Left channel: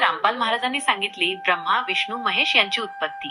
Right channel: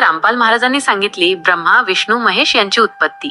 रामपाल महाराजांनी सांगितली ब्रह्मा विष्णू महेश यांची उत्पत्ती.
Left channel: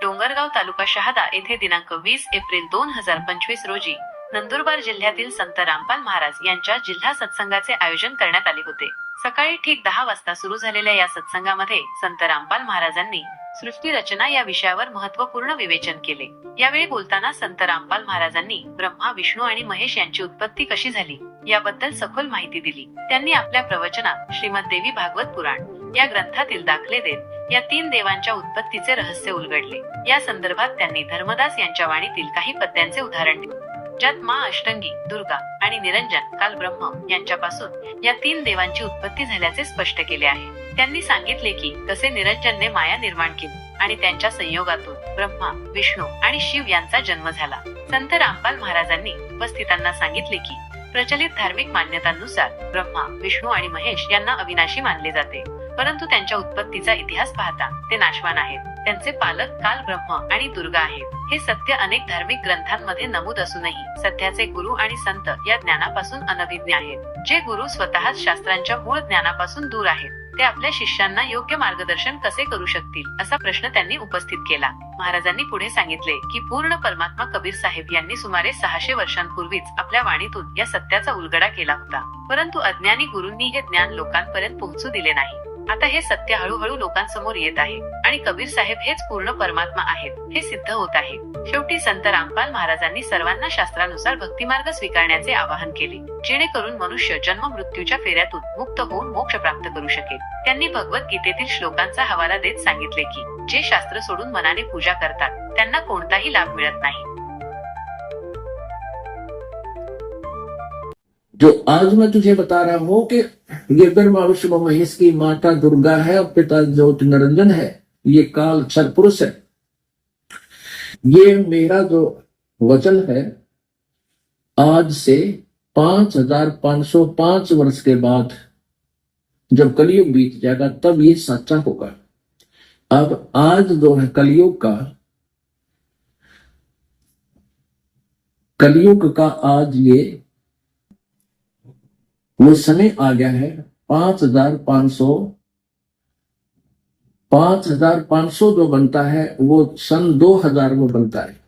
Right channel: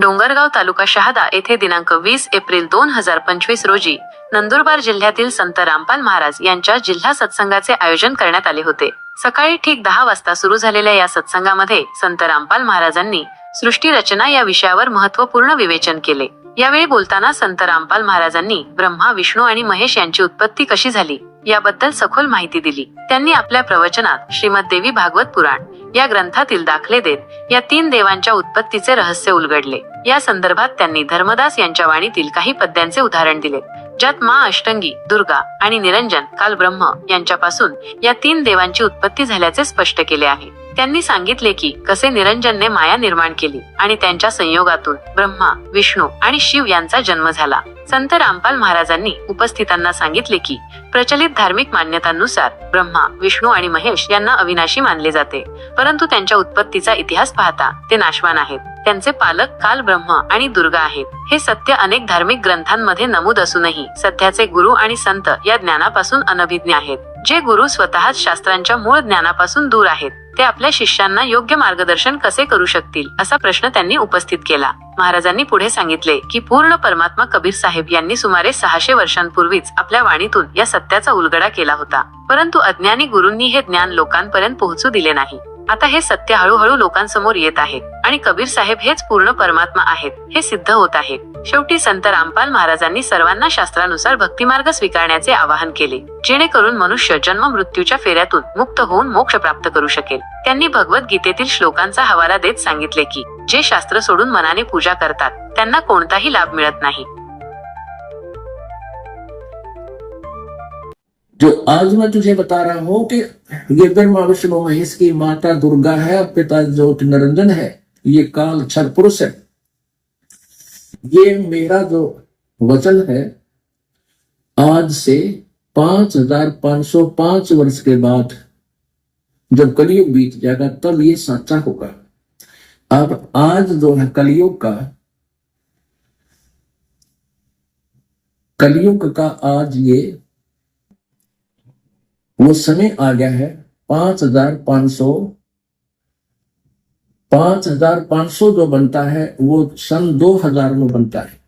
डोंगरगाव तालुका शहादा येथे दिनांक वीस एप्रिल दोन हजार पंचवीस रोजी नंदुरबार जिल्ह्यातील संत रामपाल महाराज यांच्या जिल्हा सत्संगाचे आयोजन करण्यात आले होते. सकाळी ठीक दहा वाजता सुरू झालेल्या या सत्संगामध्ये संत रामपाल महाराजांनी सृष्टी रचना या विषयावर महत्त्वपूर्ण विवेचन केले. यावेळी बोलताना संत रामपाल महाराजांनी ब्रह्मा विष्णू आणि महेश यांची उत्पत्ती कशी झाली? याबद्दल सखोल माहिती दिली. त्यांनी आपल्या प्रवचनात श्रीमद देवी भागवत पुराण या ग्रंथातील दाखले देत या तीन देवांच्या उत्पत्तीचे रहस्य उलगडले. या संदर्भात त्यांनी धर्मदास यांच्या वाणीतील काही पद्यांचे उदाहरण दिले. ज्यात मा अष्टंगी दुर्गा आणि निरंजन काल ब्रह्म यांच्यापासून या तीन देवांची उत्पत्ती झाल्याचे स्पष्ट केले आहे. त्यांनी सांगितले की कसे निरंजनने माया निर्माण केली आणि त्यांच्या संयोगातून ब्रह्मा विष्णू आणि शिव यांचा जन्म झाला. संत रामपाल महाराजांनी उपस्थितांना सांगितले की प्रचलित धार्मिक मान्यतांनुसार ब्रह्मा विष्णू आणि महेश यांना अविनाशी मानले जाते. परंतु त्यांच्या उत्पत्तीचा इतिहास पाहता ते नाशवान आहेत. त्यांचे पालक काल ब्रह्म आणि दुर्गा आहेत. हे सत्य अनेक धार्मिक ग्रंथांमध्ये नमूद असूनही सध्याचे गुरु आणि संत या ज्ञानापासून अनभिज्ञ आहेत. जे गुरु स्वतःच शास्त्रांच्या मूळ ज्ञानापासून दूर आहेत ते आपल्या शिष्यांना योग्य मार्गदर्शन कसे करू शकतील असा प्रश्न त्यांनी उपस्थित केला. महाराजांनी पुढे सांगितले की पूर्ण परमात्मा कबीर साहेब यांनी सुमारे सहाशे वर्षांपूर्वीच आपल्या वाणीतून या सत्याचा उलगडा केला होता. परंतु अज्ञानी गुरूंनी हे ज्ञान लोकांपर्यंत पोहोचू दिले नाही. आता हे सत्य हळूहळू लोकांसमोर येत आहे आणि कबीर साहेब हेच पूर्ण परमात्मा आहेत हे सिद्ध होत आहे. शेवटी संत रामपाल महाराजांनी सर्वांना शास्त्रानुसार भक्तिमार्ग स्वीकारण्याचे आवाहन केले जेणेकरून मनुष्य जन्म मृत्यूच्या फेऱ्यातून मुक्त होऊन मोक्ष प्राप्त करू शकेल. त्यांनी भगवद्गीतेतील श्लोकांचा हवाला देत सांगितले की जे शास्त्र सोडून मनाने पूजा करतात त्यांना कोणताही लाभ मिळत नाही. जो आज मैं तुझे बता रहा हूँ कि ये विष्णु महेश की माता दुर्गा है और पिता ज्योति निरंजन है। ये काल छल पुरुष है। ये मेरा जो वचन है, आज से पाँच हज़ार पाँच सौ पाँच वर्ष के बाद जब कलयुग बीत जाएगा, तब ये सच्चा होगा। अब आज जो है कलयुग का कलयुग का आज ये वो समय आ गया है पांच हजार पांच सौ। पांच हजार पांच सौ जो बनता है वो सन दो हजार में बनता है।